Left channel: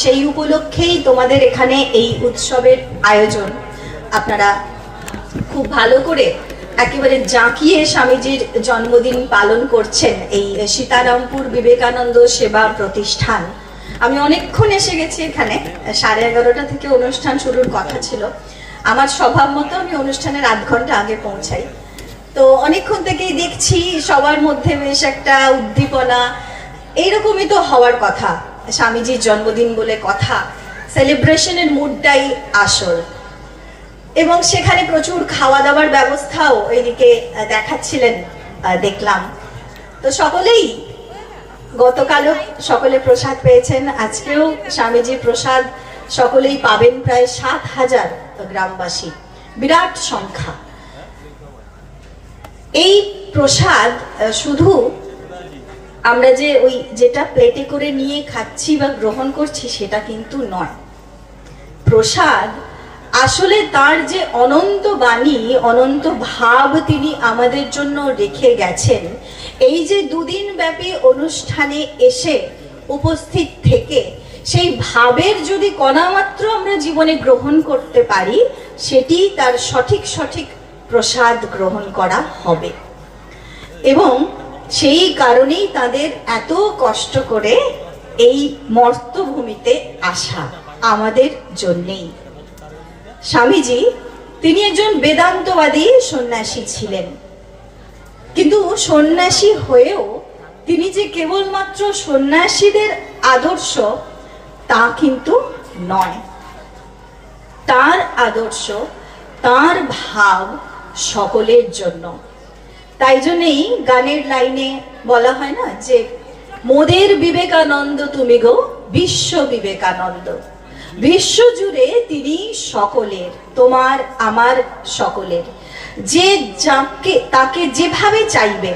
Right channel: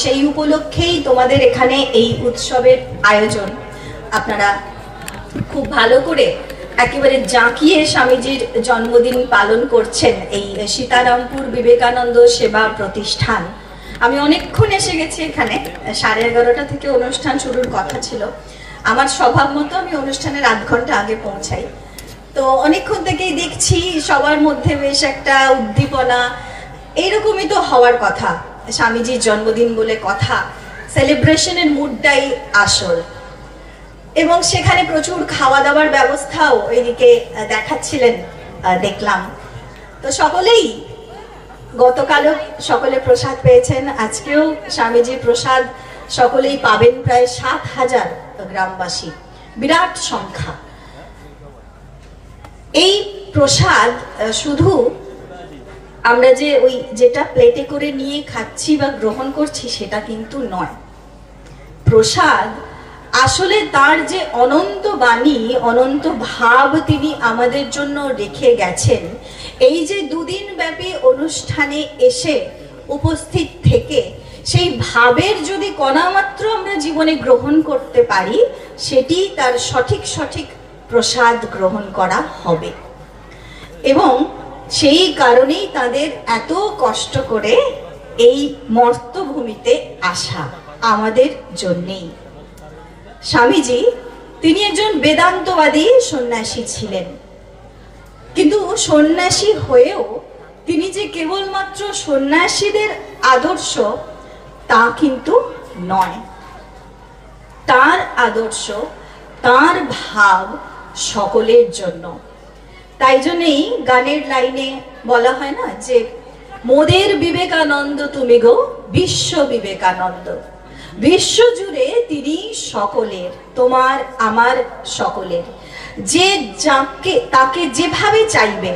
সেই উপলক্ষেই তোমাদের এখানে এই উৎসবের আয়োজন। আপনারা খুব ভালো করে একেবারে জাঁকিয়ে স্বামীজির জন্মদিন পালন করছেন এই সীতারামপুর বিবেকানন্দ সেবা প্রতিষ্ঠান। আমি অনেকক্ষণ এসে গেছি এখানে, 11:30 থেকে অনুষ্ঠান শুরুর কথা ছিল। আমার স্বভাব মতো আমি অনুষ্ঠানের আধ ঘন্টা আগে পৌঁছাই। তো অনেকক্ষণ থেকেই দেখছি সবার মধ্যে বেশ একটা উদ্দীপনা, এইরকমই তো হওয়ার কথা। স্বামীজির জন্মদিন বলে কথা, সেলিব্রেশনের মুডটাই আসল। এবং সেখানে প্রচুর খাওয়া দাওয়ার ব্যবস্থাও ওইদিকে দেখাচ্ছিলেন, দেখলাম। তো সকলেই গতকালও সকলে প্রসাদ পেয়েছেন, আজকেও স্বামীজির প্রসাদ সকলেই পাবেন, প্রায় 7,000 গ্রামবাসী, বিরাট সংখ্যা। এই প্রসাদ শুধু আমরা যে ওই যেটা প্লেটে করে নিয়ে খাচ্ছি বা গ্রহণ করছি সেটা কিন্তু নয়। প্রসাদ আসলে তার যে অনন্ত বাণী, অনন্ত ভাব তিনি আমাদের জন্য রেখে গেছেন, এই যে 2 দিন ব্যাপী অনুষ্ঠানে এসে উপস্থিত থেকে সেই ভাবের যদি কণামাত্র আমরা জীবনে গ্রহণ করতে পারি, সেটি তার সঠিক সঠিক প্রসাদ গ্রহণ করা হবে। এবং সেই কারণেই তাদের এত কষ্ট করে এই মর্তভূমিতে আসা আমাদের জন্যেই। স্বামীজি তিনি একজন বেদান্তবাদী সন্ন্যাসী ছিলেন, কিন্তু সন্ন্যাসী হয়েও তিনি যে কেবলমাত্র সন্ন্যাসীদের আদর্শ তা কিন্তু নয়। তার আদর্শ, তার ভাব সকলের জন্য। তাই জন্যই গানের লাইনে বলা হয় না যে মোদের বিবেকানন্দ তুমি গো বিশ্ব বিবেকানন্দ। বিশ্ব জুড়ে তিনি সকলের, তোমার আমার সকলের। যে যাকে তাকে যেভাবে চাইবে,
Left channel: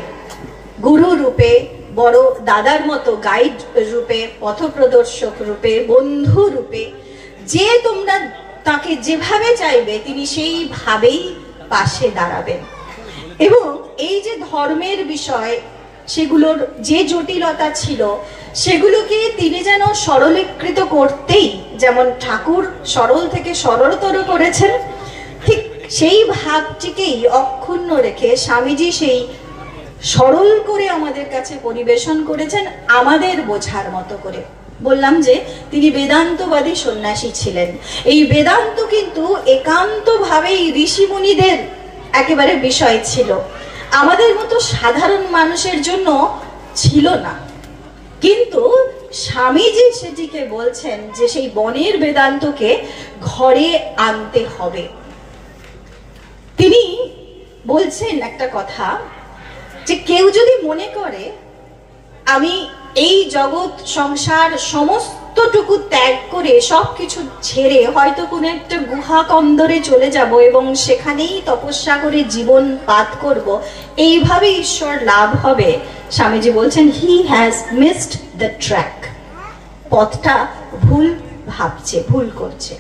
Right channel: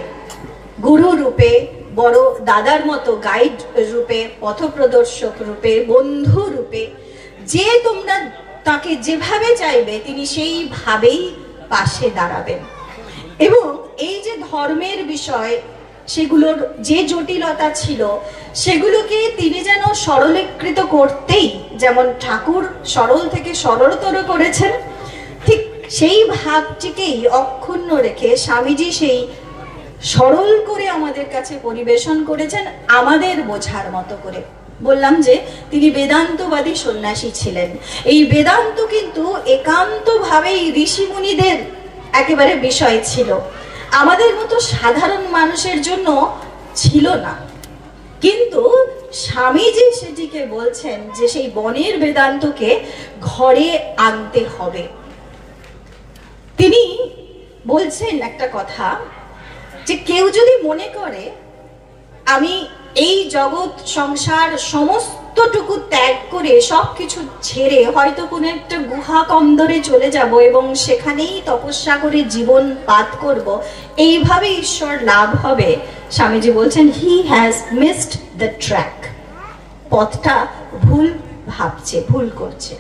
গুরু রূপে, বড় দাদার মতো গাইড রূপে, পথপ্রদর্শক রূপে, বন্ধু রূপে, যে তোমরা তাকে যেভাবে চাইবে তিনি সেইভাবেই পাশে দাঁড়াবেন। এবং এই যে ধর্মের বিষয়, সেগুলোর যে জটিলতা ছিল সেগুলোকে তিনি যেন সরলীকৃত করতেই, যেমন ঠাকুর সরল থেকে সরলতর করেছেন, ঠিক সেই ভাবটিকেই অক্ষুণ্ণ রেখে স্বামীজি সেই সরল করে আমাদের কাছে পরিবেশন করেছেন, আমাদের বোঝার মতো করে। বললাম যে তিনি বেদান্তবাদী সন্ন্যাসী ছিলেন। এই বেদান্ত কিন্তু একান্তভাবেই ঋষিমুনিদের একেবারে বিষয় ছিল, আমাদের মতো সাধারণ মানুষের জন্য ছিল না। কিন্তু স্বামীজি সেটিকে বলছেন যে সেই বনের বেদান্তকে ঘরে আনতে হবে। তিনি বলছেন একটা কথা, যে কেউ যদি মনে করে আমি এই জগৎ সংসার সমস্তটুকু ত্যাগ করে সবকিছু ছেড়ে হয়তো কোনো একটা গুহা কন্দরে চলে যাব এবং সেখানেই তপস্যা করে জীবন পাত করব, এইভাবে ঈশ্বর লাভ হবে, স্বামীজি বলছেন he has missed the track. পথটা ভুল ভাবছে, ভুল করছে।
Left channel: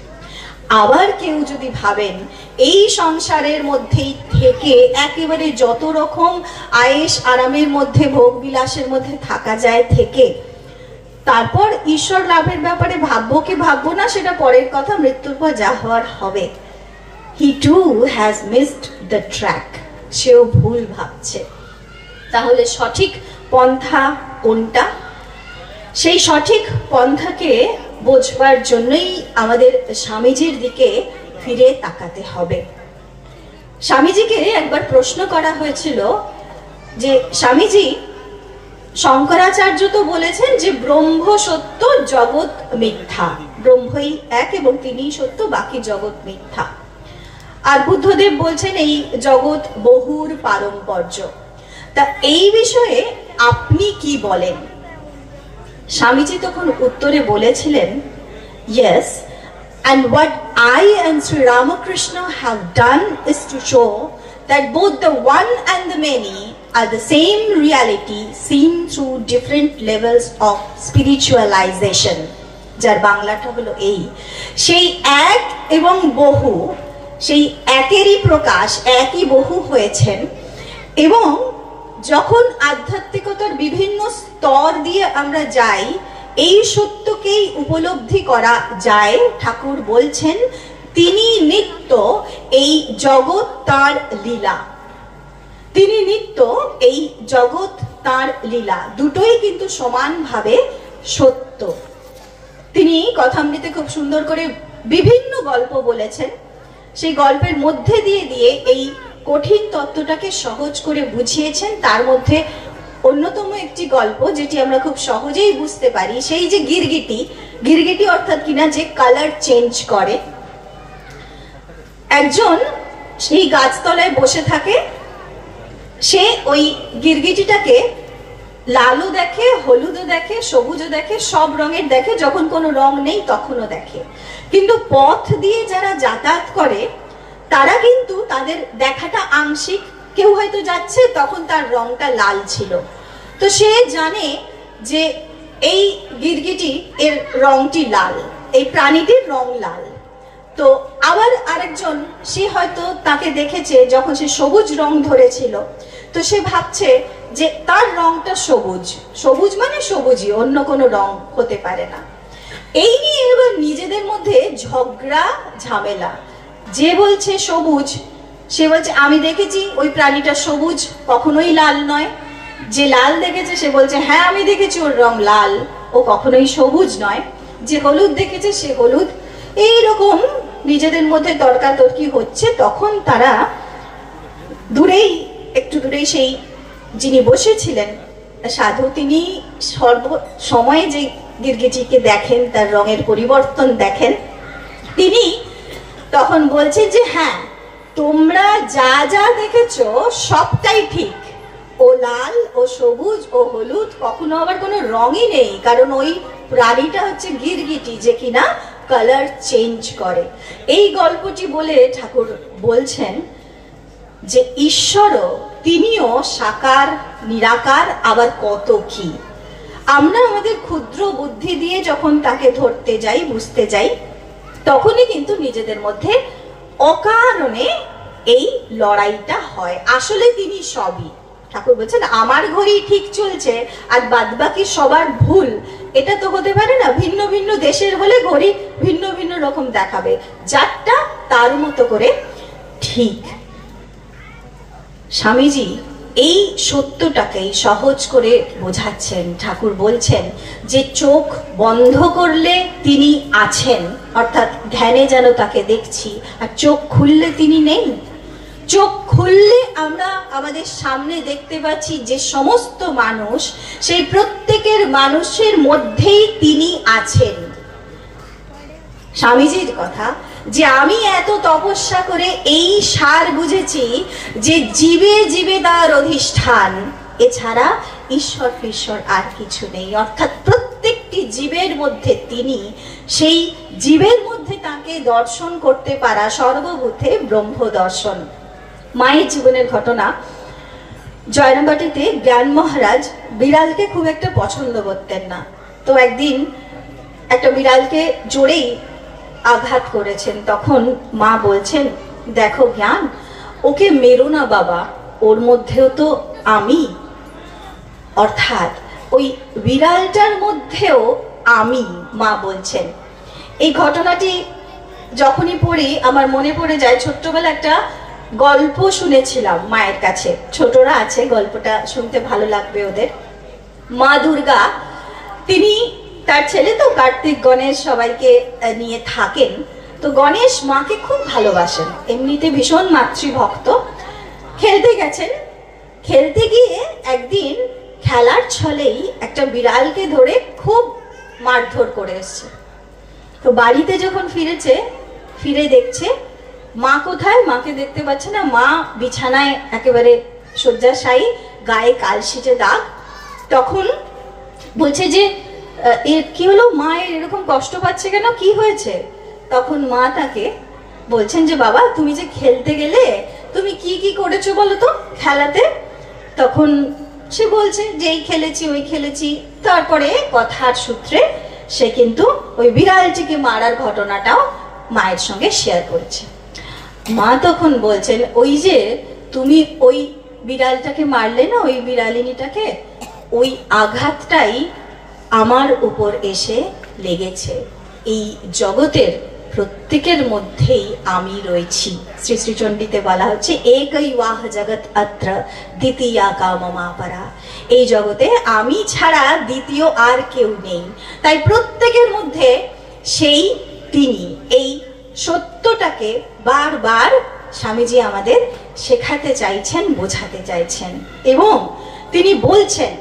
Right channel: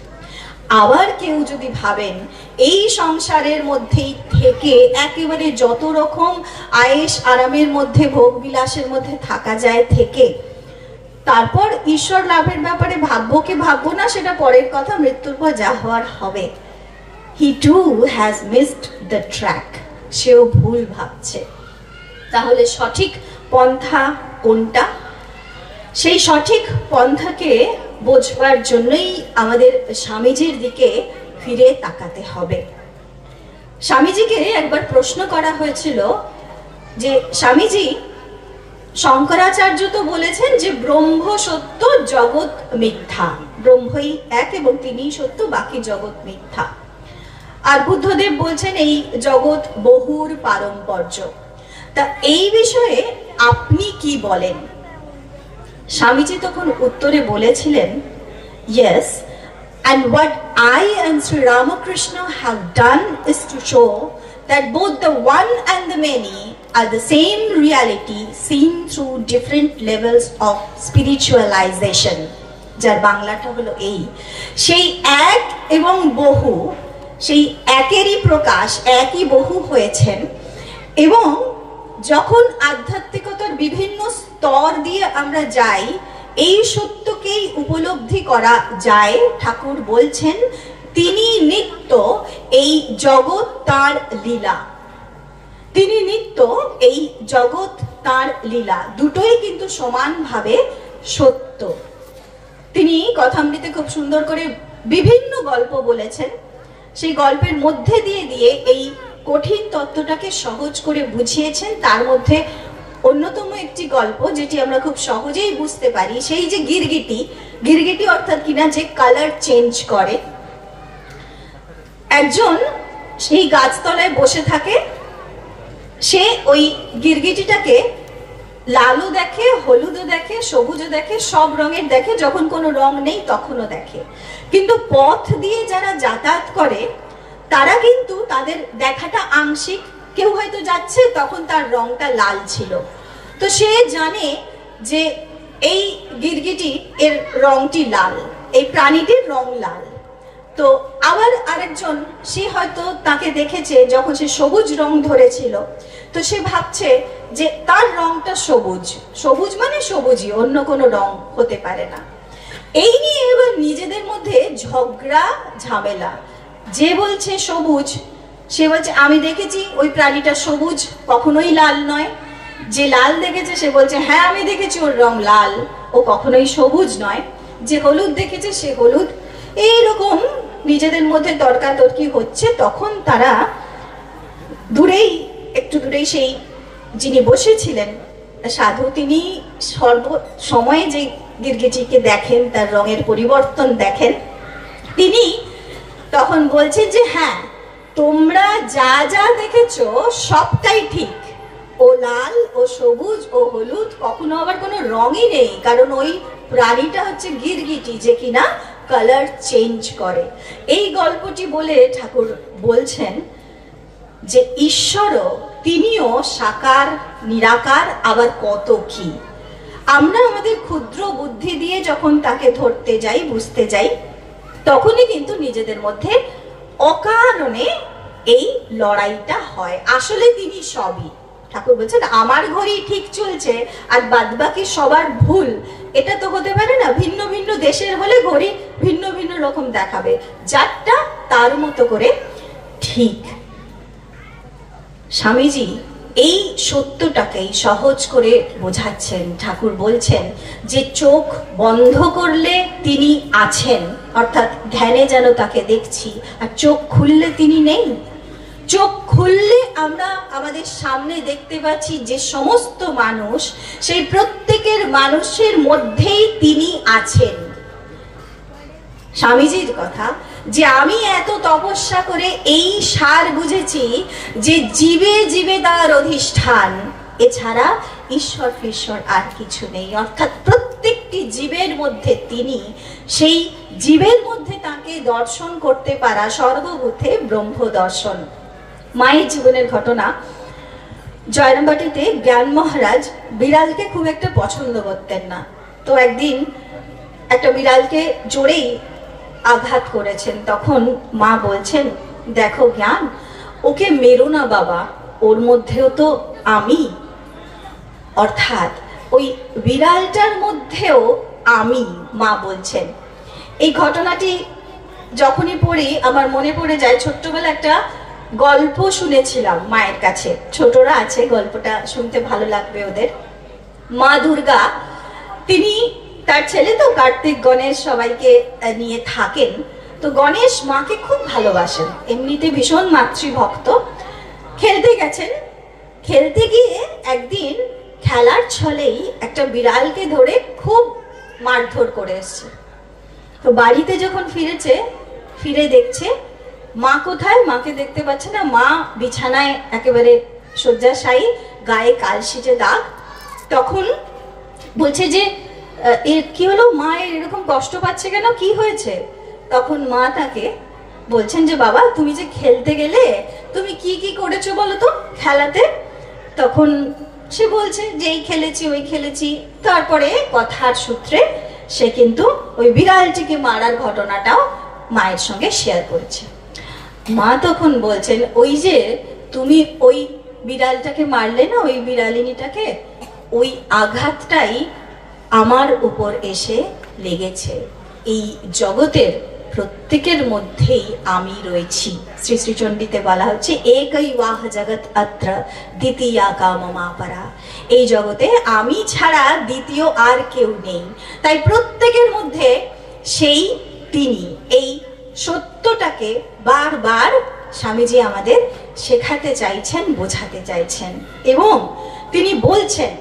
আবার কেউ যদি ভাবেন এই সংসারের মধ্যেই থেকে একেবারে যত রকম আয়েশ আরামের মধ্যে, ভোগ বিলাসের মধ্যে থাকা যায় থেকে তারপর ঈশ্বর লাভের ব্যাপারে ভাববো কি ভাববো না সেটা পরের কথা, মৃত্যুর পর যা হওয়ার হবে, he too has missed the track. সেও ভুল ভাবছে। তাহলে সঠিক পন্থা কোনটা? সেই সঠিক পন্থাকে বোঝবার জন্যই আমাদের স্বামীজির দিকে ফিরে তাকাতে হবে। স্বামীজিকে একবার প্রশ্ন করা হয়েছিল যে স্বামীজি, শঙ্করাচার্য তো বলেছেন যে ব্রহ্ম সত্য, জগৎ মিথ্যা, ব্রহ্মই এক এবং তিনিই সত্য, বাকি জগৎ মিথ্যা। আর বুদ্ধদেব বলছেন এই জগৎ বহুর পারম্পর্য। তা এই বিষয়ে আপনি কি বলেন? স্বামীজি তখন উত্তরে বলেছিলেন, yes, and what I and Sri Ramakrishna have done is to show that both the one and the many are the same reality seen through different levels of spiritualization. যার বাংলাটা হলো এই, সেই এক এবং বহু, সেই একেরই প্রকাশ, একই বহু হয়েছেন। এবং যখন আধ্যাত্মিকতার বিভিন্ন স্তর দিয়ে আমরা যাই, এই সত্যকেই উপলব্ধি করা যায়। ঠাকুর বলছেন তিনি নিত্য, এই জগৎ তার লীলা। তিনি নিত্য, এই জগৎ তার লীলা, দুটোই কিন্তু সমানভাবে সত্য। তিনি কথামৃতে খুব সুন্দর করে বিভিন্ন গল্প বলেছেন। সেই গল্পের মধ্যে দিয়ে দিয়ে এই কঠিন তত্ত্বটাকে সহজ করে বুঝিয়েছেন। তার মধ্যে অন্যতম একটি গল্প যেটি আমরা খুব সহজেই বুঝতে পারি, সেই যে গিরগিটি, গিরগিটি অর্থাৎ কিনা যে কালার চেঞ্জ করে। একজন সেই গাছতলায় বসে থাকে, সে ওই গিরগিটিটাকে লালও দেখে, হলুদও দেখে, সবুজও দেখে, সব রঙের দেখে, যখন কোনো রং নেই তখনও দেখে। কিন্তু পথ দিয়ে যারা যাতায়াত করে তারা কিন্তু তাদের দেখাটা আংশিক। কেউ হয়তো যাচ্ছে, তখন তার রংটা লাল ছিল, তো সে জানে যে এই গিরগিটি এর রংটি লাল, এই প্রাণীটির রং লাল। তো আবার আরেকজন, সে হয়তো তাকে দেখেছে যখন সে সবুজ রং ধরেছিল, তো সে ভাবছে যে তার রংটা সবুজ, সবুজ মানে সবুজই, অন্য কোনো রং হতে পারে না। এই নিয়ে এবার নিজেদের মধ্যে ঝগড়া ঝামেলা। যে বলছে সবুজ, সে বলছে আমি দেখেছি ওই প্রাণীটা সবুজ, কখনোই লাল নয়। যে লাল দেখেছে সে বলছে হ্যাঁ আমি দেখেছি ওর রং লাল, ও কখনোই সবুজ নয়। যে হলুদ দেখেছে সে হলুদ। এইরকম নিজেদের মধ্যে তর্কাতর্কি হচ্ছে। তখন তারা দূরেই, একটু দূরেই সেই যিনি বসেছিলেন সাধু, তিনি সর্ব সময়ে যে গিরগিটিকে দেখেন, তার রঙের পরিবর্তন দেখেন, তিনি তখন বলছেন যে হ্যাঁ তোমরা যা যা দেখেছো সবটাই ঠিক, ও লাল, ও সবুজ, ও হলুদ, কখনো আবার কোনো রঙই নেই, কারণ ওই প্রাণীটা হচ্ছে গিরগিটি যে কিনা কালার চেঞ্জ করে। এই গল্পটি বলে ঠাকুর বলছেন যে ঈশ্বরও, তিনিও সাকার নিরাকার, আবার কত কি। আমরা আমাদের ক্ষুদ্র বুদ্ধি দিয়ে যখন তাকে ধরতে যাই, বুঝতে যাই, তখনই কিন্তু নিজেদের মধ্যে অকারণে এই লড়াইটা হয়। আসলে তিনি সবই। ঠাকুর বলছেন আমার ঘড়ি ঠিক চলছে আর বাদবাকি সবার ভুল, এটা তো হতে পারে না। ভিন্ন ভিন্ন দেশের হলে ঘড়ি ভিন্ন ভিন্ন রকম দেখাবে, যারটা তার মতো করে ঠিক। স্বামীজি এই সত্যটাকেই সহজ করে বোঝাচ্ছেন। ঠাকুর বলছেন যে চোখ বন্ধ করলে তিনি আছেন, অর্থাৎ ধ্যানে যেন তাকে দেখছি, আর চোখ খুললে তিনি নেই। চোখ খুললে আমরা আমাদের সামনে দেখতে পাচ্ছি যে সমস্ত মানুষ, সেই প্রত্যেকের মানুষের মধ্যেই তিনি আছেন। স্বামীজির কথা যে আমি এত তপস্যা করে এই সার বুঝেছি যে জীবে জীবে তার অধিষ্ঠান, এছাড়া ঈশ্বর ফিশ্বর আর কিছু নেই। অর্থাৎ প্রত্যেকটি জীবের মধ্যে তিনি, সেই জীবের মধ্যে তাকে দর্শন করতে পারা সর্বভূতে ব্রহ্ম দর্শন। মায়ের জীবনের ঘটনা। জয়রামবাটিতে জ্ঞান মহারাজ বিড়ালকে খুব একটা পছন্দ করতেন না। তো একদিন একটা বিড়ালকে জোরেই আঘাত করেছেন। তখন মা বলছেন দেখো জ্ঞান, ওকে মেরো না বাবা, ওর মধ্যেও তো আমি, অর্থাৎ ওই বিড়ালটার মধ্যেও আমি। মা বলছেন এই ঘটনাটি যখনই পড়ি আমার মনে পড়ে যায় ছোট্টবেলা একটা গল্প শুনেছিলাম মায়ের কাছে। ছোটরা আছে, গল্পটা শুনতে ভালো লাগবে ওদের। মা দুর্গা, তিনি তার ছেলে তো কার্তিক গণেশ সবাইকে নিয়ে থাকেন। তো গণেশ মাকে খুব ভালোবাসেন, এমনিতে ভীষণ মাতৃভক্ত। খেলতে গেছেন, খেলতে গিয়ে একদিন খেলার ছলেই একটা বিড়ালকে ধরে খুব মারধর করে এসছে। তো বাড়িতে যখন ফিরেছে, ফিরে দেখছে মা কোথায়, মাকে দেখতে পাচ্ছে না। মা বিছানায় একেবারে শয্যাশায়ী, গায়ে কালশিটে দাগ। তখন বলছে যে এর কি হলো, মায়ের এরকম কষ্ট পাচ্ছে কেন, কি হয়েছে? তখন মা তাকে বলছেন যে বাবা তুমি যে খেলতে গেলে, তুমি কি কি করেছো বলো তো খেলাতে? তখন সে বলছে যে এই খেলেছি ওই খেলেছি। তারপরে কথার সূত্রে সে কিন্তু ওই বিড়ালটিকে মারার ঘটনাটাও মায়ের সঙ্গে শেয়ার করেছে। মা তখন বলছেন ওই যে তুমি ওই বিড়ালটাকে মারলে না, ওই বিড়ালিনীটাকে, ওই আঘাতটাই আমার উপর এসে লেগেছে। এই জগতের প্রত্যেকের মধ্যেই আমি রয়েছি। শ্রী শ্রী চণ্ডীতে বলা হচ্ছে একই ওয়াহ জগৎ অত্র দ্বিতীয়া কামমাপরা। এই জগতে আমি ছাড়া দ্বিতীয় আর কেউ নেই। তাই প্রত্যেকের মধ্যে সেই তিনি, এই সত্যটাকে বারবার স্বামীজি আমাদের শেখাতে চাইছেন, বোঝাতে চাইছেন। এবং তিনি বলছেন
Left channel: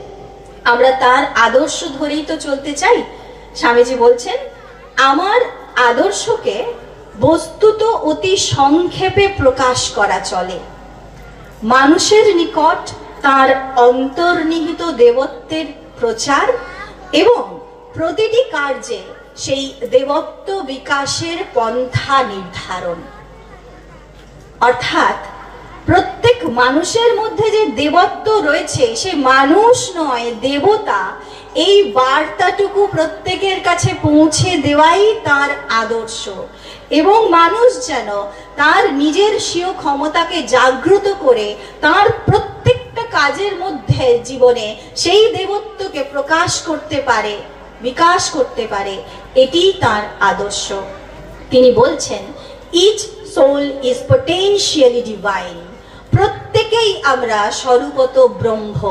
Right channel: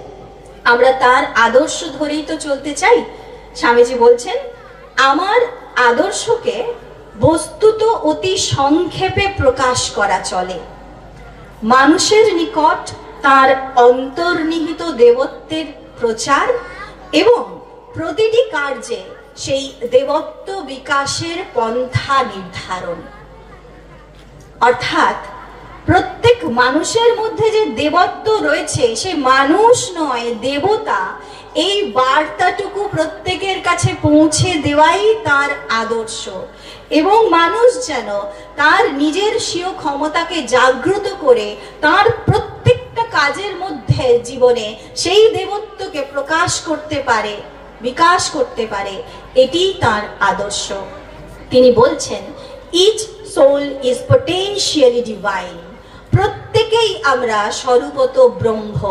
আমরা তার আদর্শ ধরেই তো চলতে চাই। স্বামীজি বলছেন আমার আদর্শকে বস্তুত অতি সংক্ষেপে প্রকাশ করা চলে। মানুষের নিকট তার অন্তর্নিহিত দেবত্বের প্রচার এবং প্রতিটি কার্যে সেই দেবত্ব বিকাশের পন্থা নির্ধারণ। অর্থাৎ প্রত্যেক মানুষের মধ্যে যে দেবত্ব রয়েছে, সে মানুষ নয় দেবতা, এই বার্তাটুকু প্রত্যেকের কাছে পৌঁছে দেওয়াই তার আদর্শ। এবং মানুষ যেন তার নিজের স্বীয় ক্ষমতাকে জাগ্রত করে তার প্রত্যেকটা কাজের মধ্যে জীবনে সেই দেবত্বকে প্রকাশ করতে পারে, বিকাশ করতে পারে, এটি তার আদর্শ। তিনি বলছেন each soul is potentially divine. প্রত্যেকেই আমরা স্বরূপত ব্রহ্ম।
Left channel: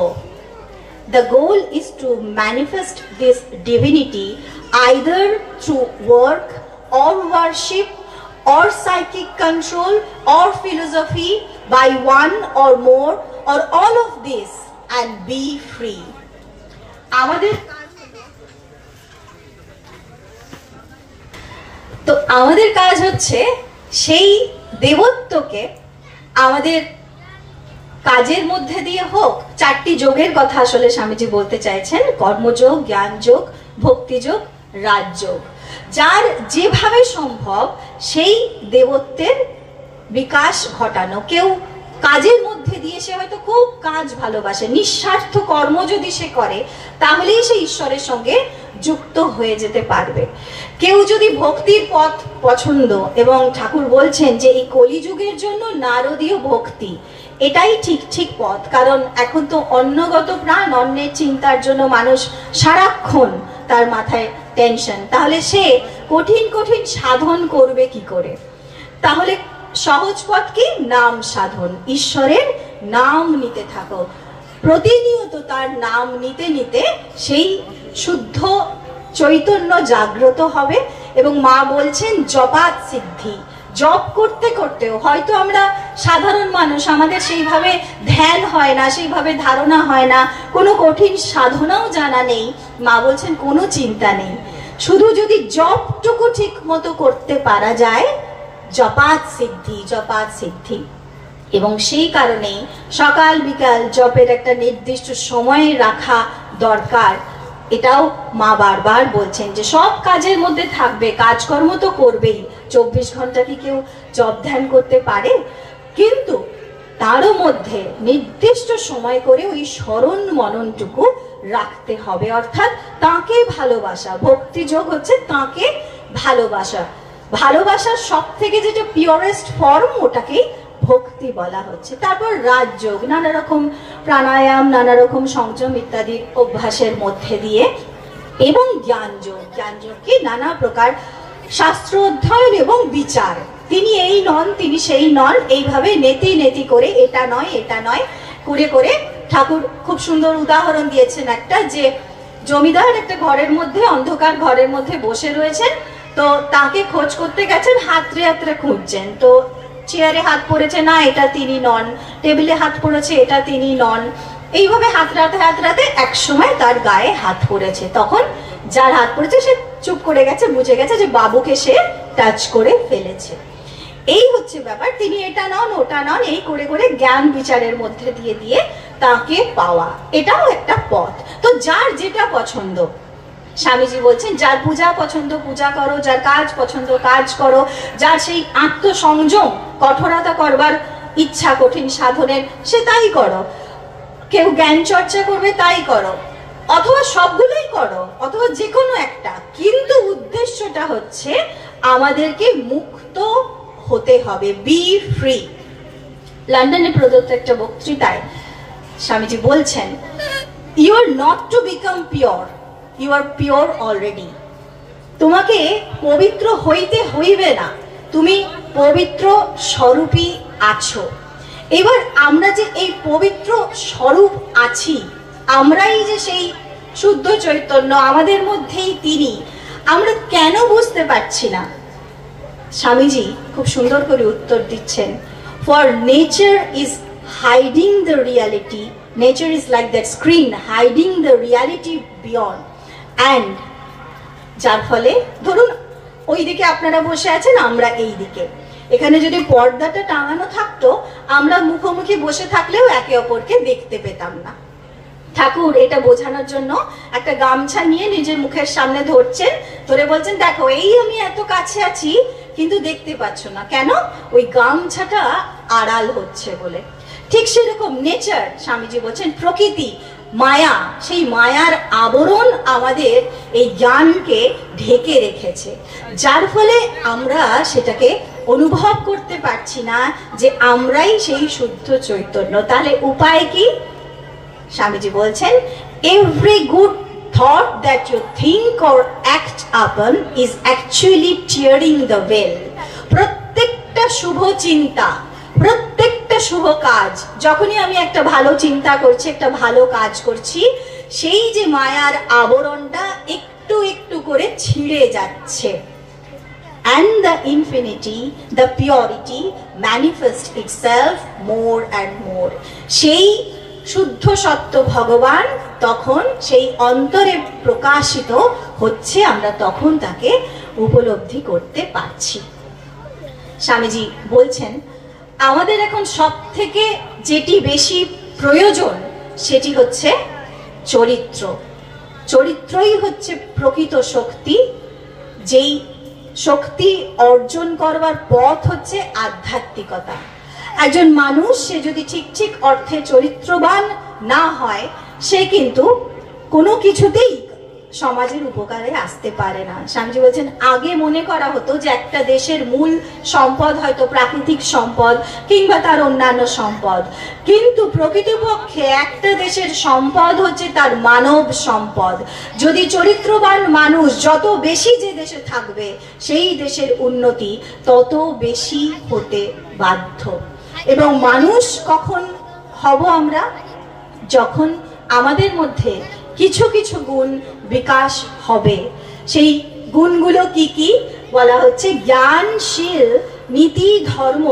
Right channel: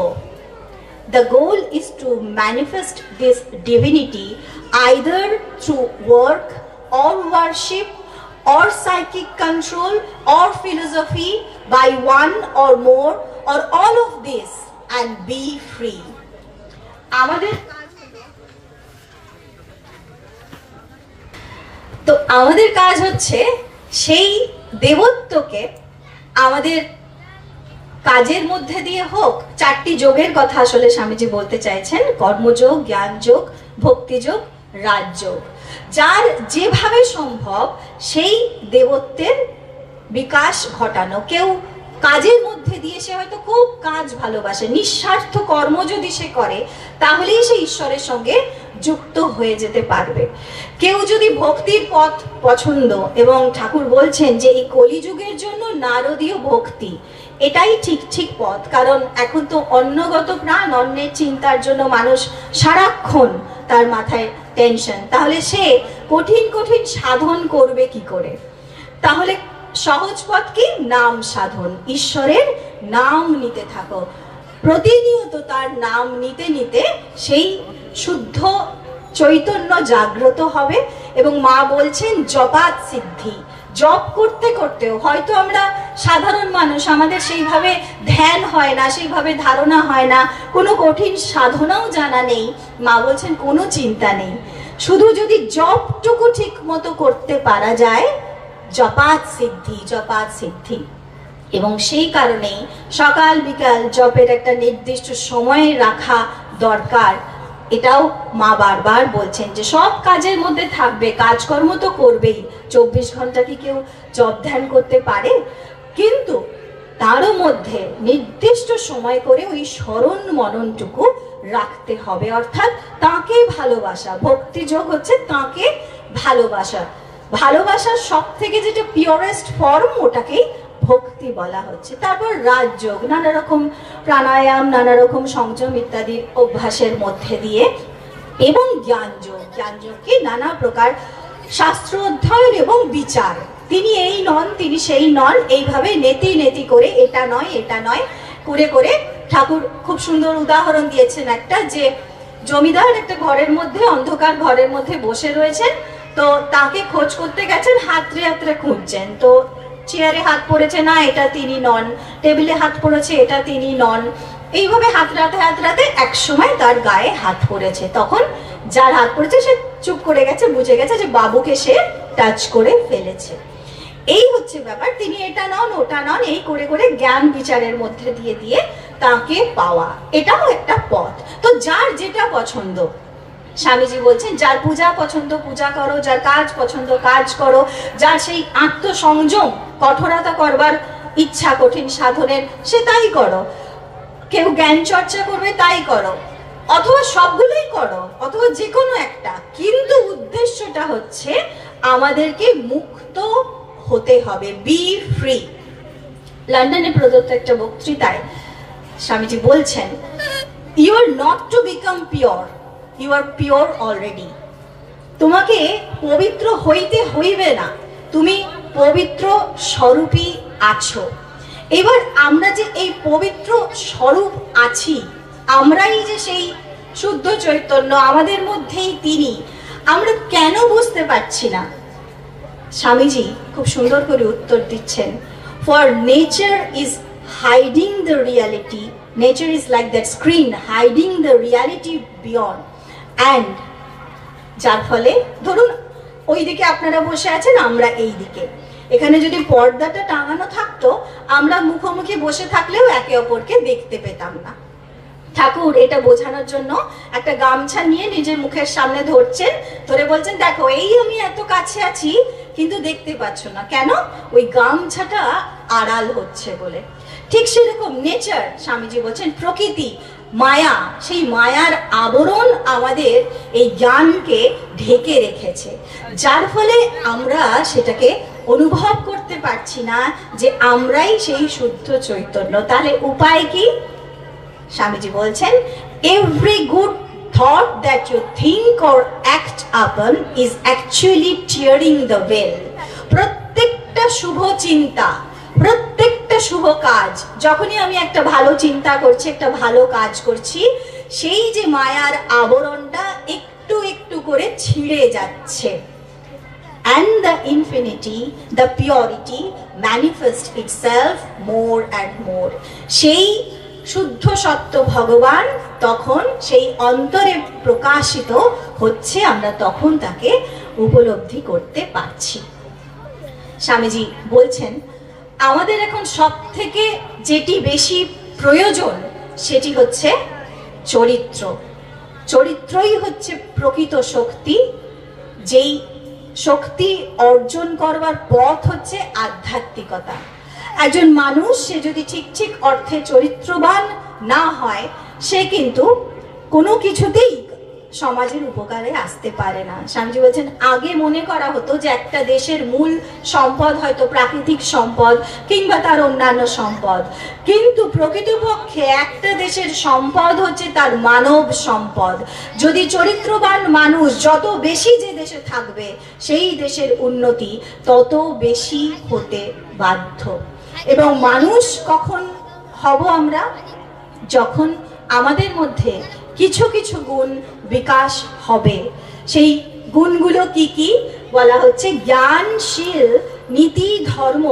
The goal is to manifest this divinity either through work or worship or psychic control or philosophy by one or more or all of this and be free. আমাদের কাজ হচ্ছে সেই দেবত্বকে আমাদের কাজের মধ্যে দিয়ে হোক। চারটি যোগের কথা আসলে স্বামীজি বলতে চাইছেন, কর্মযোগ, জ্ঞানযোগ, ভক্তিযোগ, রাজযোগ। যার যেভাবে সম্ভব সেই দেবত্বের বিকাশ ঘটানো। কেউ কাজের মধ্যে দিয়ে সে হয়তো খুব কাজ ভালোবাসে, নিঃস্বার্থ কর্ম যদি সে করে তাহলেই সে ঈশ্বরের সঙ্গে যুক্ত হয়ে যেতে পারবে। কেউ যদি ভক্তির পথ পছন্দ, এবং ঠাকুর বলছেন যে এই কলিযুগের জন্য নারদীয় ভক্তি এটাই ঠিক পথ। কারণ এখন তো অন্নগত প্রাণ, অন্যের চিন্তার জন্য মানুষ সারাক্ষণ তার মাথায় টেনশন। তাহলে সে কঠিন কঠিন সাধন করবে কি করে? তাহলে সহজ পথ কি? নাম সাধন। ঈশ্বরের নাম নিতে থাকো, প্রতিনিয়ত তার নাম নিতে নিতে সেই শুদ্ধ চৈতন্য জাগ্রত হবে। এবং মা বলছেন জপাত সিদ্ধি। জপ করতে করতেও হয়তো আমরা সাধারণ মানুষ, আমাদের সেইভাবে ধ্যান হয় না, সেইভাবে ধারণা হয় না, কোনো কঠিন সাধনাও জানা নেই। মা বলছেন কোনো চিন্তা নেই, শুধু যদি জপটুকু ঠিক মতো করতে পারা যায়, জপাত সিদ্ধি, জপাত সিদ্ধি। এবং সেই কারণেই সকাল বিকাল জপের একটা নির্দিষ্ট সময়ে রাখা দরকার। এটাও মা বারবার বলছেন যে সব কাজের মধ্যে থাকবে, কাজকর্ম তো করবেই। 24 ঘন্টা কি কেউ জপ ধ্যান করতে পারে? কিন্তু তারও মধ্যে নির্দিষ্ট সময় করে ওই স্মরণ মননটুকু রাখতে হবে। অর্থাৎ তাকে ভালোবাসা। ভক্তিযোগ হচ্ছে তাকে ভালোবাসা। ভালোবাসার সব থেকে যেটা পিওরেস্ট ফর্ম, ওটাকেই ভক্তি বলা হচ্ছে। তারপর রাজযোগ, নানা রকম প্রাণায়াম, নানা রকম সংযম ইত্যাদি অভ্যাসের মধ্যে দিয়ে। এবং জ্ঞানযোগ, জ্ঞানযোগকে নানা প্রকার শাস্ত্র অধ্যয়ন এবং বিচার। তিনি এই নন, তিনি সেই নন, এইভাবে নেতি নেতি করে এটা নয় এটা নয় করে করে ঠাকুর খুব সুন্দর উদাহরণ দিয়েছেন একটা, যে জমিদার একটা ঘরের মধ্যে, অন্ধকার ঘরের মধ্যে বসে রয়েছেন। তো তাকে খোঁজ করতে গেছেন, হাতড়ে হাতড়ে খুঁজছেন। তো চেয়ারে হাত পড়েছে, না এটা তিনি নন। টেবিলে হাত পড়েছে, এটা তিনি নন। এইভাবে হাতড়াতে এক সময় তার গায়ে হাত পড়েছে। তখন যার হাত পড়েছে সে চুপ করে গেছে, বুঝে গেছে যে বাবুকে সে টাচ করে ফেলেছে। এই হচ্ছে ব্যাপার। তিনি এটা নন ওটা নন এই করে করে জ্ঞান বিচারের মধ্যে দিয়ে দিয়ে তাকে পাওয়া, এটাও একটা পথ। তো যার যেটা পছন্দ, স্বামীজি বলছেন যার পূজা পছন্দ পূজা করো, যার কাজ পছন্দ কাজ করো, যার সেই আত্মসংযম, কঠোরতা করবার ইচ্ছা কঠিন সাধনের, সে তাই করো। কেউ জ্ঞান চর্চা করবে, তাই করো, অথবা সবগুলোই করো, অথবা যে কোনো একটা। কিন্তু উদ্দেশ্যটা হচ্ছে আমাদেরকে মুক্ত হতে হবে, বি ফ্রি। লন্ডনে প্রদত্ত একটা বক্তৃতায় স্বামীজি বলছেন, you are not to become pure, you are pure already. তোমাকে পবিত্র হইতে হইবে না, তুমি পবিত্র স্বরূপই আছো। এবার আমরা যে এই পবিত্র স্বরূপ আছি, আমরাই যে সেই শুদ্ধ চৈতন্য, আমাদের মধ্যেই তিনি, আমরা কেন বুঝতে পারছি না? স্বামীজি খুব সুন্দর করে উত্তর দিচ্ছেন, for nature is hiding the reality, nature is like that screen hiding the reality beyond, and যার ফলে ধরুন ওই দিকে আপনারা বসে আছেন, আমরা এই দিকে, এখানে যদি পর্দাটা টাঙানো থাকতো, আমরা মুখোমুখি বসে থাকলেও একে অপরকে দেখতে পেতাম না। ঠাকুর এটা বোঝানোর জন্য একটা গামছা নিয়ে নিজের মুখের সামনে ধরছেন, ধরে বলছেন দেখো এই আমি এত কাছে আছি কিন্তু দেখতে পাচ্ছ না, কেন? ওই গামছাটা আড়াল হচ্ছে বলে। ঠিক সেরকম নেচার, স্বামীজি বলছেন প্রকৃতি, মায়া, সেই মায়ার আবরণ আমাদের এই জ্ঞানকে ঢেকে রেখেছে, যার ফলে আমরা সেটাকে অনুভব করতে পারছি না যে আমরাই সেই শুদ্ধ চৈতন্য। তাহলে উপায় কি? স্বামীজি বলছেন, every good thought that you think or act upon is actually tearing the veil. প্রত্যেকটা শুভ চিন্তা, প্রত্যেকটা শুভ কাজ, যখনই আমি একটা ভালো চিন্তা করছি, একটা ভালো কাজ করছি, সেই যে মায়ার আবরণটা একটু একটু করে ছিঁড়ে যাচ্ছে। And the infinity, the purity manifests itself more and more. সেই শুদ্ধ সত্য ভগবান তখন সেই অন্তরে প্রকাশিত হচ্ছে, আমরা তখন তাকে উপলব্ধি করতে পারছি। স্বামীজি বলছেন, আমাদের এখন সব থেকে যেটি বেশি প্রয়োজন সেটি হচ্ছে চরিত্র। চরিত্রই হচ্ছে প্রকৃত শক্তি, যেই শক্তি অর্জন করবার পথ হচ্ছে আধ্যাত্মিকতা। একজন মানুষ সে যদি ঠিক ঠিক অর্থে চরিত্রবান না হয়, সে কিন্তু কোনো কিছুতেই সমাজের উপকারে আসতে পারে না। স্বামীজি বলছেন, আগে মনে করা হতো যে একটা দেশের মূল সম্পদ হয়তো প্রাকৃতিক সম্পদ কিংবা তার অন্যান্য সম্পদ, কিন্তু প্রকৃতপক্ষে একটা দেশের সম্পদ হচ্ছে তার মানব সম্পদ। যদি চরিত্রবান মানুষ যত বেশি যে দেশে থাকবে, সেই দেশের উন্নতি তত বেশি হতে বাধ্য। এবং মানুষ কখন হব আমরা? যখন আমাদের মধ্যে কিছু কিছু গুণ বিকাশ হবে। সেই গুণগুলো কি কি? বলা হচ্ছে জ্ঞানশীল, নীতি, ধর্ম,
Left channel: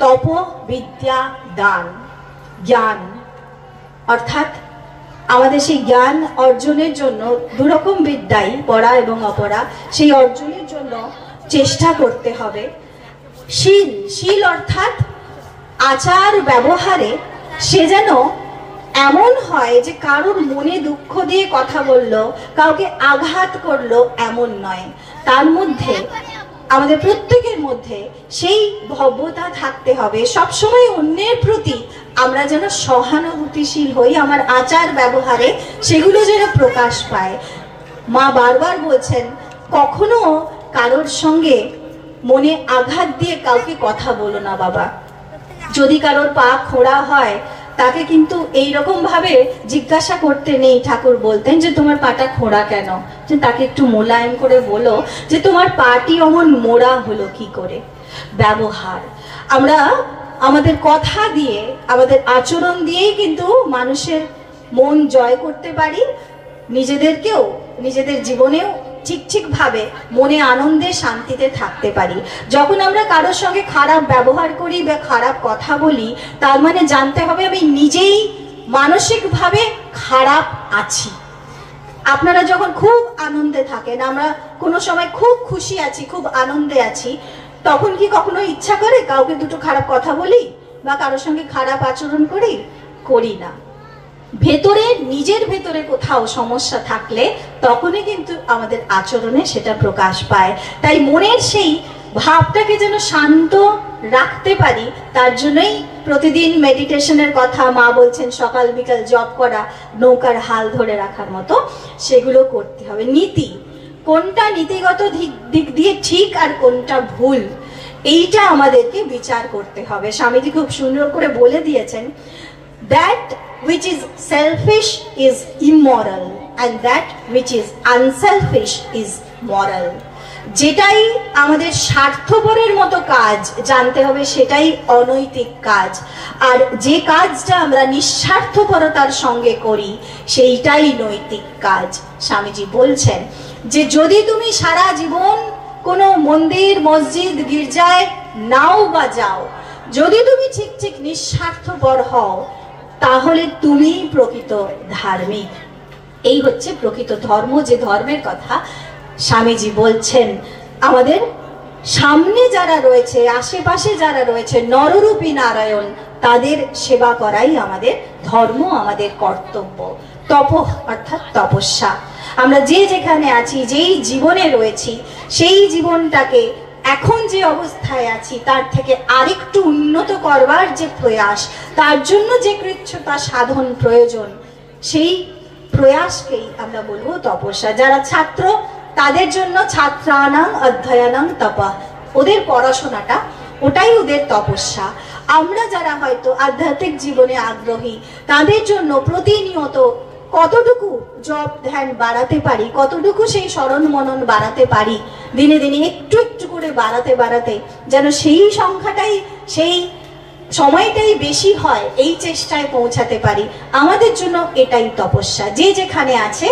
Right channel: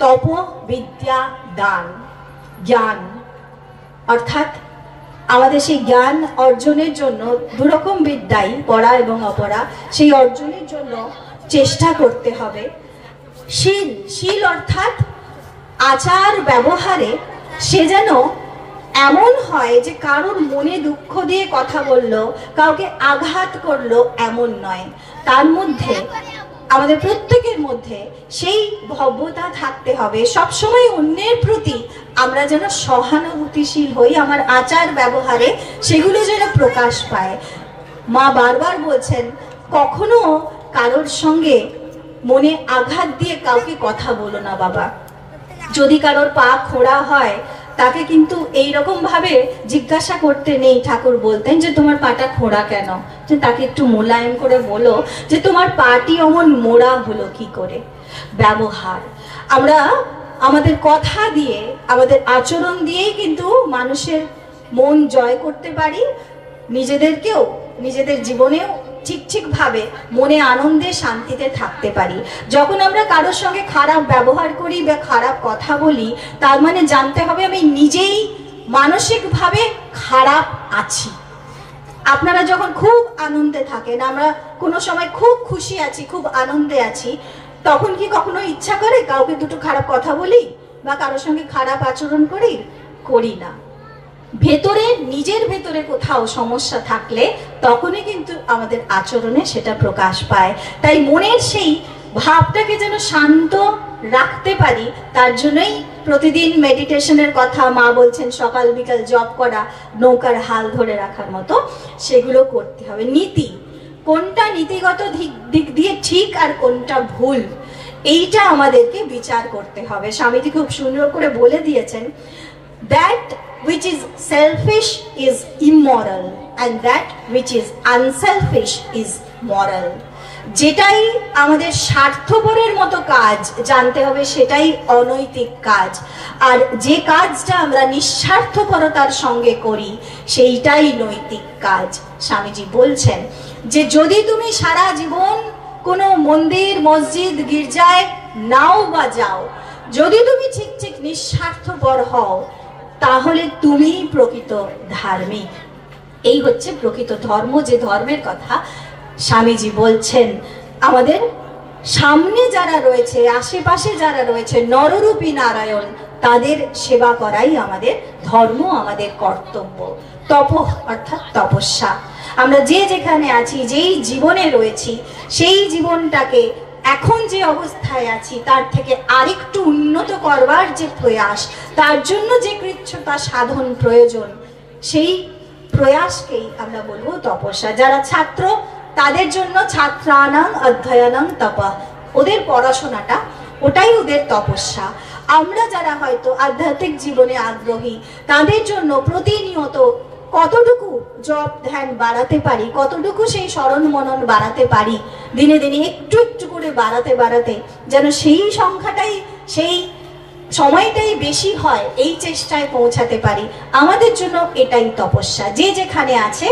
তপ, বিদ্যা, দান। জ্ঞান অর্থাৎ আমাদের সেই জ্ঞান অর্জনের জন্য দুরকম বিদ্যাই, পড়া এবং অপড়া, সেই অর্জনের জন্য চেষ্টা করতে হবে। শীল, শীল অর্থাৎ আচার ব্যবহারে সে যেন এমন হয় যে কারোর মনে দুঃখ দিয়ে কথা বললো, কাউকে আঘাত করলো, এমন নয়। তার মধ্যে, আমাদের প্রত্যেকের মধ্যে সেই ভব্যতা থাকতে হবে। সবসময় অন্যের প্রতি আমরা যেন সহানুভূতিশীল হই, আমার আচার ব্যবহারে সেগুলো যেন প্রকাশ পায়। মা বারবার বলছেন, কখনো কারোর সঙ্গে মনে আঘাত দিয়ে কাউকে কথা বলো না বাবা। যদি কারোর পা খোঁড়া হয়, তাকে কিন্তু এইরকম ভাবে জিজ্ঞাসা করতে নেই। ঠাকুর বলতেন যে তোমার পাটা খোঁড়া কেন, যে তাকে একটু মোলায়েম করে বলো যে তোমার পাটি অমন মোড়া হলো কি করে। ব্যবহার, আমরা আমাদের কথা দিয়ে, আমাদের আচরণ দিয়েই কিন্তু মানুষের মন জয় করতে পারি, নিজেদেরকেও, নিজেদের জীবনেও ঠিক ঠিক ভাবে মনে আনন্দে শান্তিতে থাকতে পারি। যখন আমরা কারোর সঙ্গে খারাপ ব্যবহার করি বা খারাপ কথা বলি, তার মানে জানতে হবে আমি নিজেই মানসিকভাবে খারাপ আছি। আপনারা যখন খুব আনন্দে থাকেন, আমরা কোনো সময় খুব খুশি আছি, খুব আনন্দে আছি, তখন কি কখনো ইচ্ছা করে কাউকে দুটো খারাপ কথা বলি বা কারোর সঙ্গে খারাপ আচরণ করি? করি না। ভেতরে, নিজের ভেতরে কোথাও সমস্যা থাকলে তখনই কিন্তু আমাদের আচরণে সেটা প্রকাশ পায়। তাই মনের সেই ভাবটাকে যেন শান্ত রাখতে পারি, তার জন্যই প্রতিদিন মেডিটেশনের কথা মা বলছেন, সকাল বিকাল জপ করা, নৌকার হাল ধরে রাখার মতো, সেগুলো করতে হবে। নীতি, কোনটা নীতিগত দিক দিয়ে ঠিক আর কোনটা ভুল, এইটা আমাদেরকে বিচার করতে হবে। স্বামীজি খুব সুন্দর করে বলে দিয়েছেন, that which is selfish is immoral and that which is unselfish is moral. যেটাই আমাদের স্বার্থপরের মতো কাজ জানতে হবে সেটাই অনৈতিক কাজ, আর যে কাজটা আমরা নিঃস্বার্থপরতার সঙ্গে করি সেইটাই নৈতিক কাজ। স্বামীজি বলছেন যে যদি তুমি সারা জীবন কোনো মন্দির মসজিদ গির্জায় নাও বা যাও, যদি তুমি ঠিক ঠিক নিঃস্বার্থপর হও, তাহলে তুমি প্রকৃত ধার্মিক। এই হচ্ছে প্রকৃত ধর্ম, যে ধর্মের কথা স্বামীজি বলছেন। আমাদের সামনে যারা রয়েছে, আশেপাশে যারা রয়েছে, নররূপী নারায়ণ, তাদের সেবা করাই আমাদের ধর্ম, আমাদের কর্তব্য। তপ অর্থাৎ তপস্যা। আমরা যে যেখানে আছি, যেই জীবনে রয়েছি, সেই জীবনটাকে এখন যে অবস্থায় আছি তার থেকে আরেকটু উন্নত করবার যে প্রয়াস, তার জন্য যে কৃচ্ছতা সাধন প্রয়োজন, সেই প্রয়াসকেই আমরা বলবো তপস্যা। যারা ছাত্র, তাদের জন্য ছাত্রানাং অধ্যয়নাং তপঃ, ওদের পড়াশোনাটা ওটাই ওদের তপস্যা। আমরা যারা হয়তো আধ্যাত্মিক জীবনে আগ্রহী, তাদের জন্য প্রতিনিয়ত কতটুকু জপ ধ্যান বাড়াতে পারি, কতটুকু সেই স্মরণ মনন বাড়াতে পারি, দিনে দিনে একটু একটু করে বাড়াতে বাড়াতে যেন সেই সংখ্যাটাই, সেই সময়টাই বেশি হয়, এই চেষ্টায় পৌঁছাতে পারি। আমাদের জন্য এটাই তপস্যা। যে যেখানে আছে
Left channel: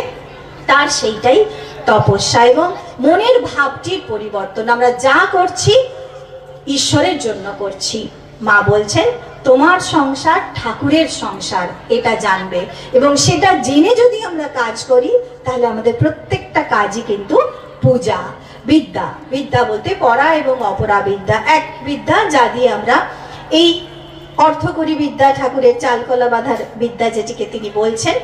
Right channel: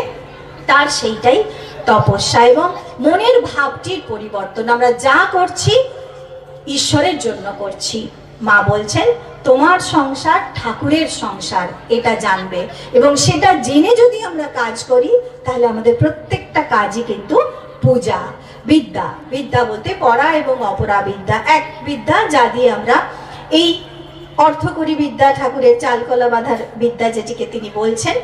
তার সেইটাই তপস্যা। এবং মনের ভাবটির পরিবর্তন। আমরা যা করছি ঈশ্বরের জন্য করছি। মা বলছেন তোমার সংসার ঠাকুরের সংসার, এটা জানবে। এবং সেটা জেনে যদি আমরা কাজ করি, তাহলে আমাদের প্রত্যেকটা কাজই কিন্তু পূজা। বিদ্যা, বিদ্যা বলতে পড়া এবং অপরা বিদ্যা, এক বিদ্যা যা দিয়ে আমরা এই অর্থকরী বিদ্যা, ঠাকুরের চালকলা বাঁধার বিদ্যা যেটিকে তিনি বলছেন,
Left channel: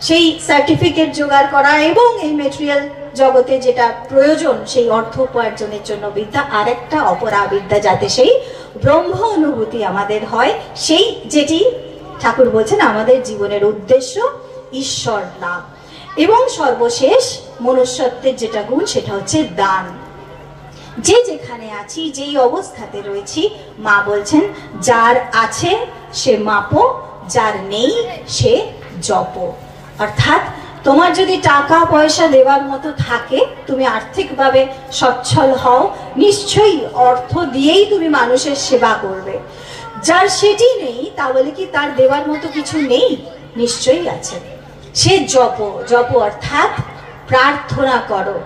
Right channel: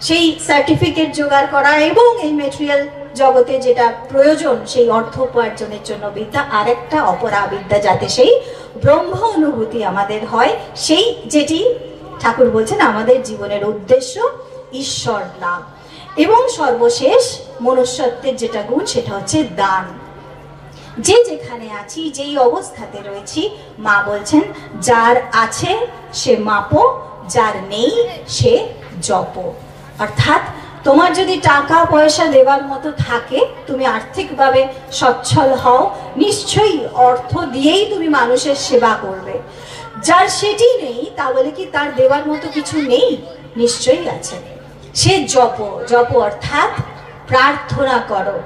সেই সার্টিফিকেট জোগাড় করা এবং এই মেটেরিয়াল জগতে যেটা প্রয়োজন সেই অর্থ উপার্জনের জন্য বিদ্যা, আর একটা অপরা বিদ্যা, যাতে সেই ব্রহ্ম অনুভূতি আমাদের হয়, সেই যেটি ঠাকুর বলছেন আমাদের জীবনের উদ্দেশ্য, ঈশ্বর লাভ। এবং সর্বশেষ মনুষ্যত্বের যেটা গুণ, সেটা হচ্ছে দান। যে যেখানে আছি, যেই অবস্থাতে রয়েছি, মা বলছেন যার আছে সে মাপো, যার নেই সে জপ। অর্থাৎ তোমার যদি টাকা পয়সা দেওয়ার মতো থাকে, তুমি আর্থিকভাবে সচ্ছল হও, নিশ্চয়ই অর্থ দিয়েই তুমি মানুষের সেবা করবে। যার সেটি নেই, তা বলে কি তার দেওয়ার মতো কিছু নেই? নিশ্চয়ই আছে। সে জপ, জপ অর্থাৎ প্রার্থনা করো।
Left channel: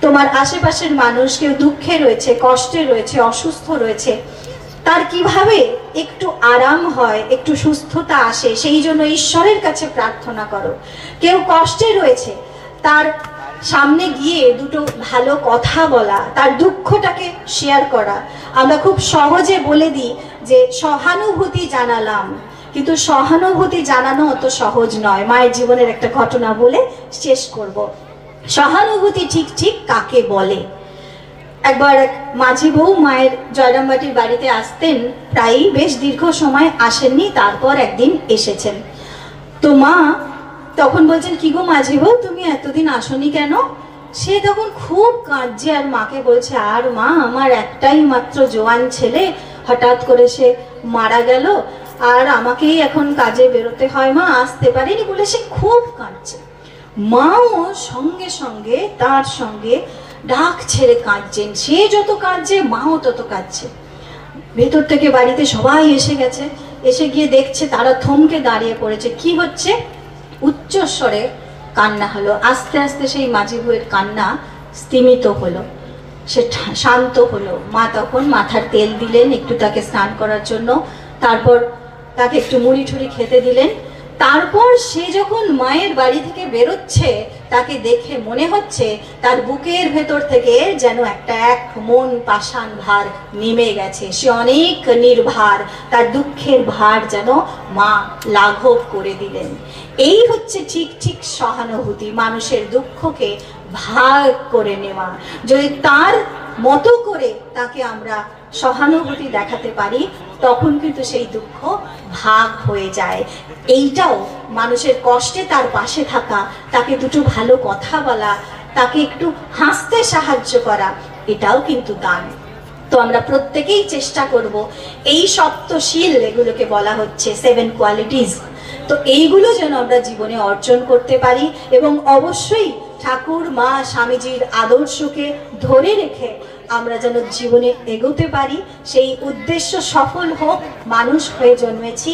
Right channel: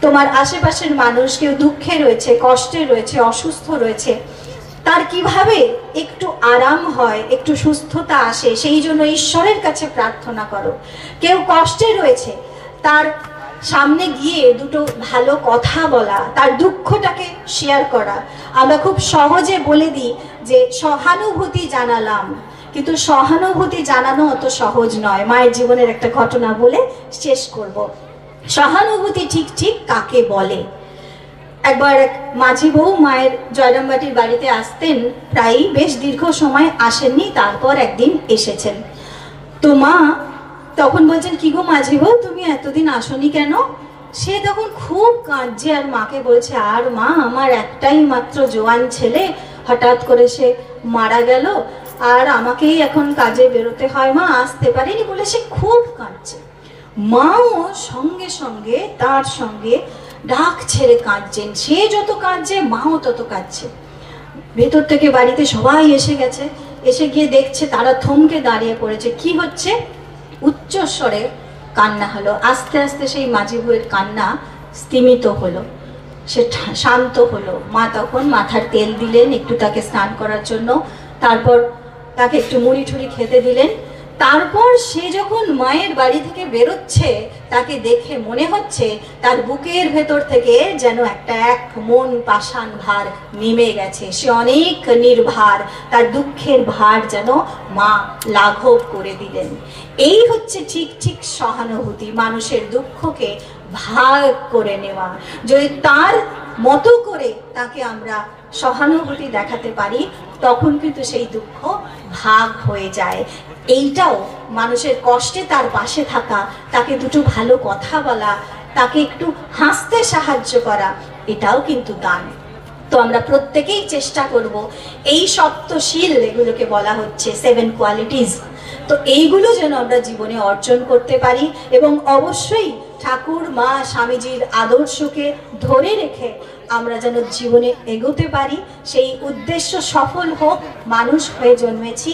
তোমার আশেপাশের মানুষ কেউ দুঃখে রয়েছে, কষ্টে রয়েছে, অসুস্থ রয়েছে, তার কিভাবে একটু আরাম হয়, একটু সুস্থতা আসে, সেই জন্য ঈশ্বরের কাছে প্রার্থনা করো। কেউ কষ্টে রয়েছে, তার সামনে গিয়ে দুটো ভালো কথা বলা, তার দুঃখটাকে শেয়ার করা। আমরা খুব সহজে বলে দিই যে সহানুভূতি জানালাম, কিন্তু সহানুভূতি জানানো অত সহজ নয়। মায়ের জীবনের একটা ঘটনা বলে শেষ করব। সহানুভূতি ঠিক ঠিক কাকে বলে? একবার এক মাঝি বউ মায়ের জয়রামবাটির বাড়িতে আসতেন, প্রায়ই বেশ দীর্ঘ সময় আসেননি, তারপর একদিন এসেছেন। তো মা তখন বলছেন, কি গো মাঝি বউ, তুমি এতদিন আসনি কেন? সে তখন খুব কাঁদছে আর মাকে বলছে, আর মা, আমার একটাই মাত্র জোয়ান ছেলে, হঠাৎ করে সে মারা গেল, আর আমাকেই এখন কাজে বেরোতে হয়, মা আসতে পারিনি বলে সে খুব কাঁদছে। মাও সঙ্গে সঙ্গে তার সঙ্গে ডাক ছেড়ে কাঁদছেন। সে যত কাঁদছে, মাও তত কাঁদছে। ভেতর থেকে বাড়িতে সবাই এসে গেছে, এসে গিয়ে দেখছে তারা থমকে দাঁড়িয়ে পড়েছে। কি হচ্ছে? উচ্চস্বরে কান্না হলো। আস্তে আস্তে সেই মাঝি বউয়ের কান্না স্তিমিত হলো, সে শান্ত হলো। মা তখন মাথার তেল দিলেন একটু তাকে স্নান করার জন্য, তারপর তাকে একটু মুড়ি ঠুড়ি খেতে দিলেন। তারপর সে যখন মায়ের বাড়ি থেকে বেরোচ্ছে, তাকে দেখে মনে হচ্ছে তার বুকের ভেতর থেকে যেন একটা এক মন পাষাণ ভার নেমে গেছে। সে অনেক নির্ভার, তার দুঃখের ভার যেন মা লাঘব করে দিলেন। এই হচ্ছে ঠিক ঠিক সহানুভূতি, মানুষের দুঃখকে ভাগ করে নেওয়া। যদি তার মতো করে তাকে আমরা সহানুভূতি দেখাতে পারি, তখন কিন্তু সেই দুঃখ ভাগ হয়ে যায়। এইটাও মানুষের কষ্টে তার পাশে থাকা, তাকে দুটো ভালো কথা বলা, তাকে একটু হাসতে সাহায্য করা, এটাও কিন্তু দান। তো আমরা প্রত্যেকেই চেষ্টা করব এই সপ্তশীল, এগুলোকে বলা হচ্ছে 7 কোয়ালিটিজ, তো এইগুলো যেন আমরা জীবনে অর্জন করতে পারি এবং অবশ্যই ঠাকুর মা স্বামীজির আদর্শকে ধরে রেখে আমরা যেন জীবনে এগোতে পারি, সেই উদ্দেশ্য সফল হোক। মানুষ হয়ে জন্মেছি,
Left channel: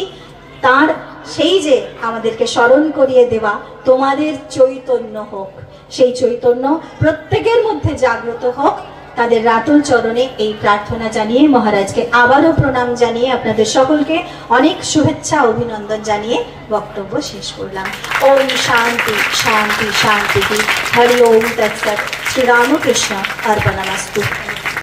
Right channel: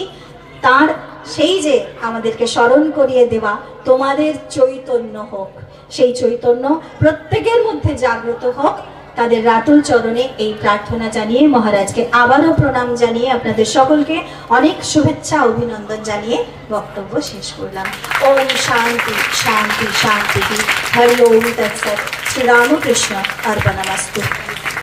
তার সেই যে আমাদেরকে স্মরণ করিয়ে দেওয়া তোমাদের চৈতন্য হোক, সেই চৈতন্য প্রত্যেকের মধ্যে জাগ্রত হোক। তাদের রাতুল চরণে এই প্রার্থনা জানিয়ে মহারাজকে আবারও প্রণাম জানিয়ে আপনাদের সকলকে অনেক শুভেচ্ছা অভিনন্দন জানিয়ে বক্তব্য শেষ করলাম। ওম শান্তি শান্তি শান্তি। হরি ওম তৎসৎ। শ্রীরামকৃষ্ণ অর্পণমস্তু।